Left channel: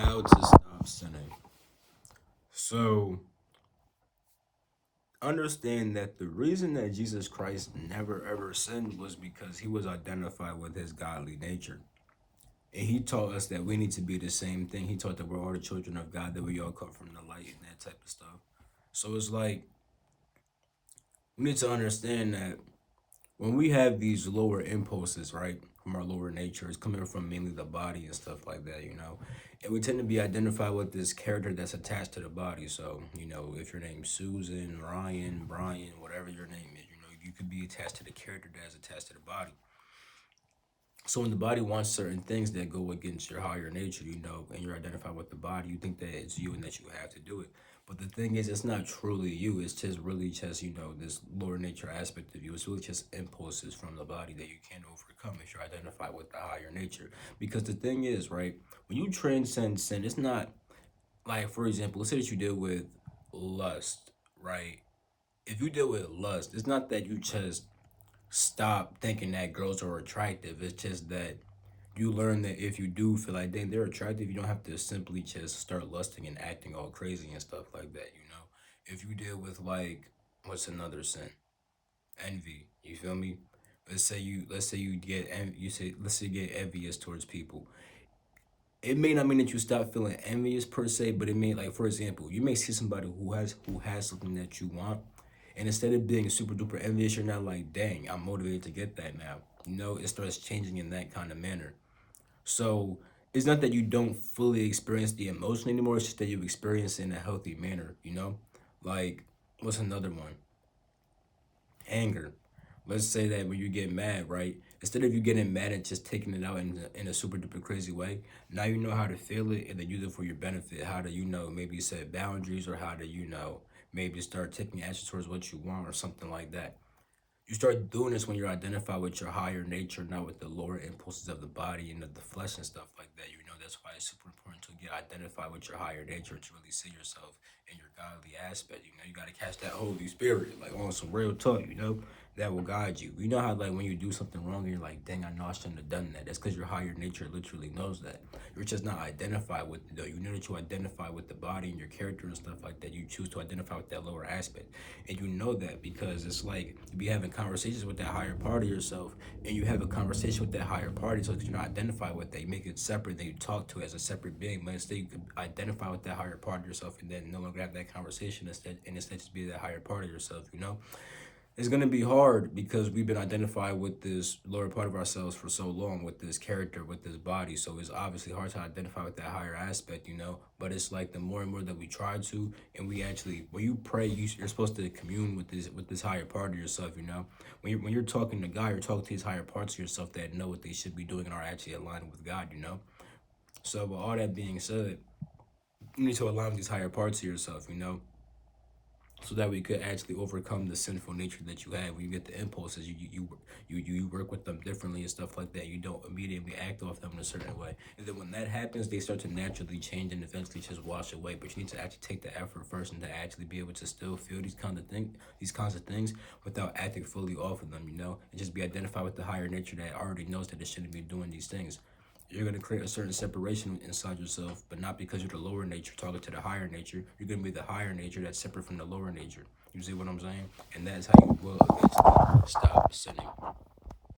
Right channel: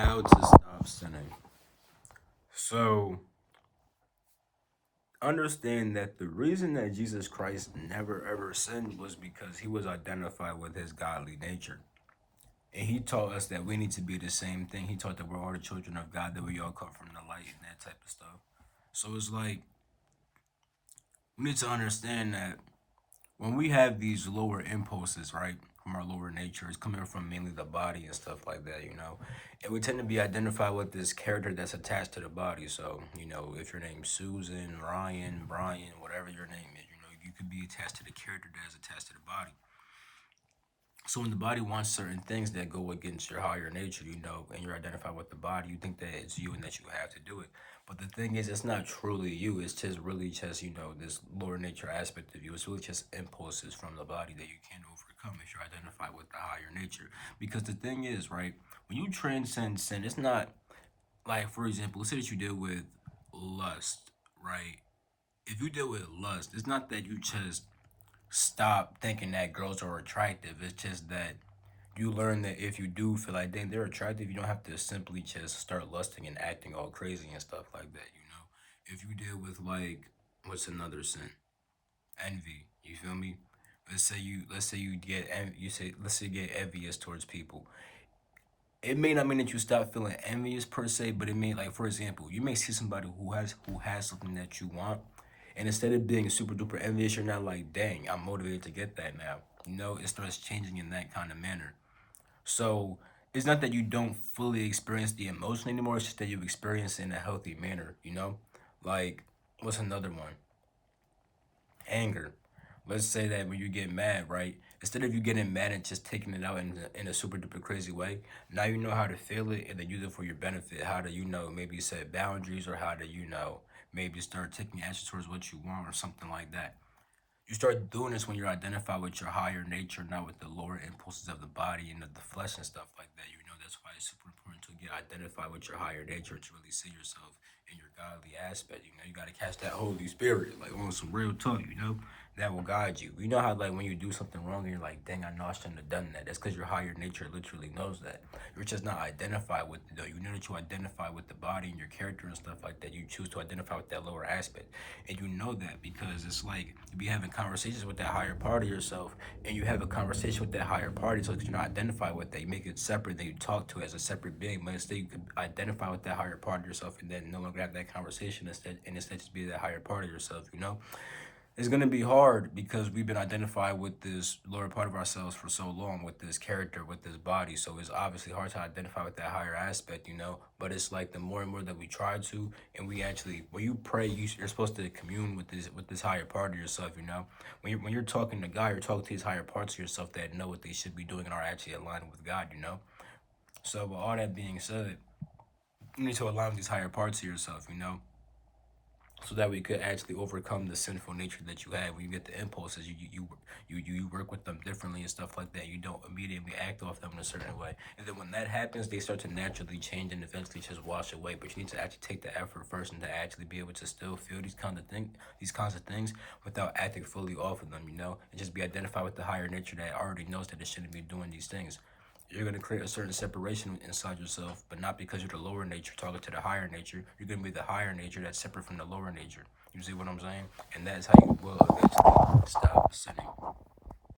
How to stop sinning. So, understand that the reason that Jesus Christ never ever sinned was because he was identified with his godly nature. And he taught us that we need to be the same thing. He taught that we're all the children of God, that we all come from the light and that type of stuff. So it's like we need to understand that when we have these lower impulses, right, from our lower nature, it's coming from mainly the body and stuff like that, and we tend to be identified with this character that's attached to the body. So, if your name's Susan, Ryan, Brian, whatever your name is, you could be attached to the character that's attached to the body. So when the body wants certain things that go against your higher nature, and you're identified with the body, you think that it's you and that you have to do it. But the thing is, it's not truly you. It's just really just, this lower nature aspect of you. It's really just impulses from the body that you can't overcome if you're identified with the higher nature. Because the thing is, right, when you transcend sin, it's not like, for example, let's say that you deal with lust, right? If you deal with lust, it's not that you just stop thinking that girls are attractive. It's just that you learn that if you do feel like dang, they're attractive, you don't have to simply just start lusting and acting all crazy and stuff like that. If you deal with, like, what's another sin? Envy. You feel me? Let's say you get let's say you get envious towards people. It may not mean that you stop feeling envious per se, but it may, like, for example, you may see somebody who has something that you want, and instead of being super duper envious, you're not like, dang, I'm motivated to get that now. It starts changing in that kind of manner. So it's not that you don't fully experience the emotion anymore, it's just that you experience it in a healthy manner. Like, what's another one? Anger. Let's say that when you get mad, right? Instead of you getting mad and just taking it out in a super duper crazy way, now you know how to feel it and then use it for your benefit. How to, maybe set boundaries, or how to, maybe start taking action towards what you want or something like that. You start doing this when you're identified with your higher nature, not with the lower impulses of the body and of the flesh and stuff like that. That's why it's super important to get identified with your higher nature to really see yourself in your godly aspect. You got to catch that Holy Spirit, like, on some real talk, that will guide you. You know how, like, when you do something wrong and you're like, dang, I know I shouldn't have done that. That's because your higher nature literally knows that. You're just not identified with it, though. You know that you identify with the body and your character and stuff like that. You choose to identify with that lower aspect. And you know that because it's like you be having conversations with that higher part of yourself, and you have a conversation with that higher party, so that you're not identified with that. You make it separate, then you talk to it as a separate being, but instead you can identify with that higher part of yourself and then no longer have that conversation instead just be that higher part of yourself. It's going to be hard because we've been identified with this lower part of ourselves for so long, with this character, with this body. So it's obviously hard to identify with that higher aspect. But it's like the more and more that we try to, and we actually, when you pray, you're supposed to commune with this higher part of yourself. When you're talking to God, you're talking to these higher parts of yourself that know what they should be doing and are actually aligned with God. So with all that being said, you need to align with these higher parts of yourself, so that we could actually overcome the sinful nature that you have. When you get the impulses, you work with them differently and stuff like that. You don't immediately act off them in a certain way, and then when that happens, they start to naturally change and eventually just wash away. But you need to actually take the effort first, and to actually be able to still feel these kinds of things without acting fully off of them, and just be identified with the higher nature that already knows that it shouldn't be doing these things. You're going to create a certain separation inside yourself, but not because you're the lower nature talking to the higher nature. You're going to be the higher nature that's separate from the lower nature. You see what I'm saying? And that's how you will eventually stop sinning.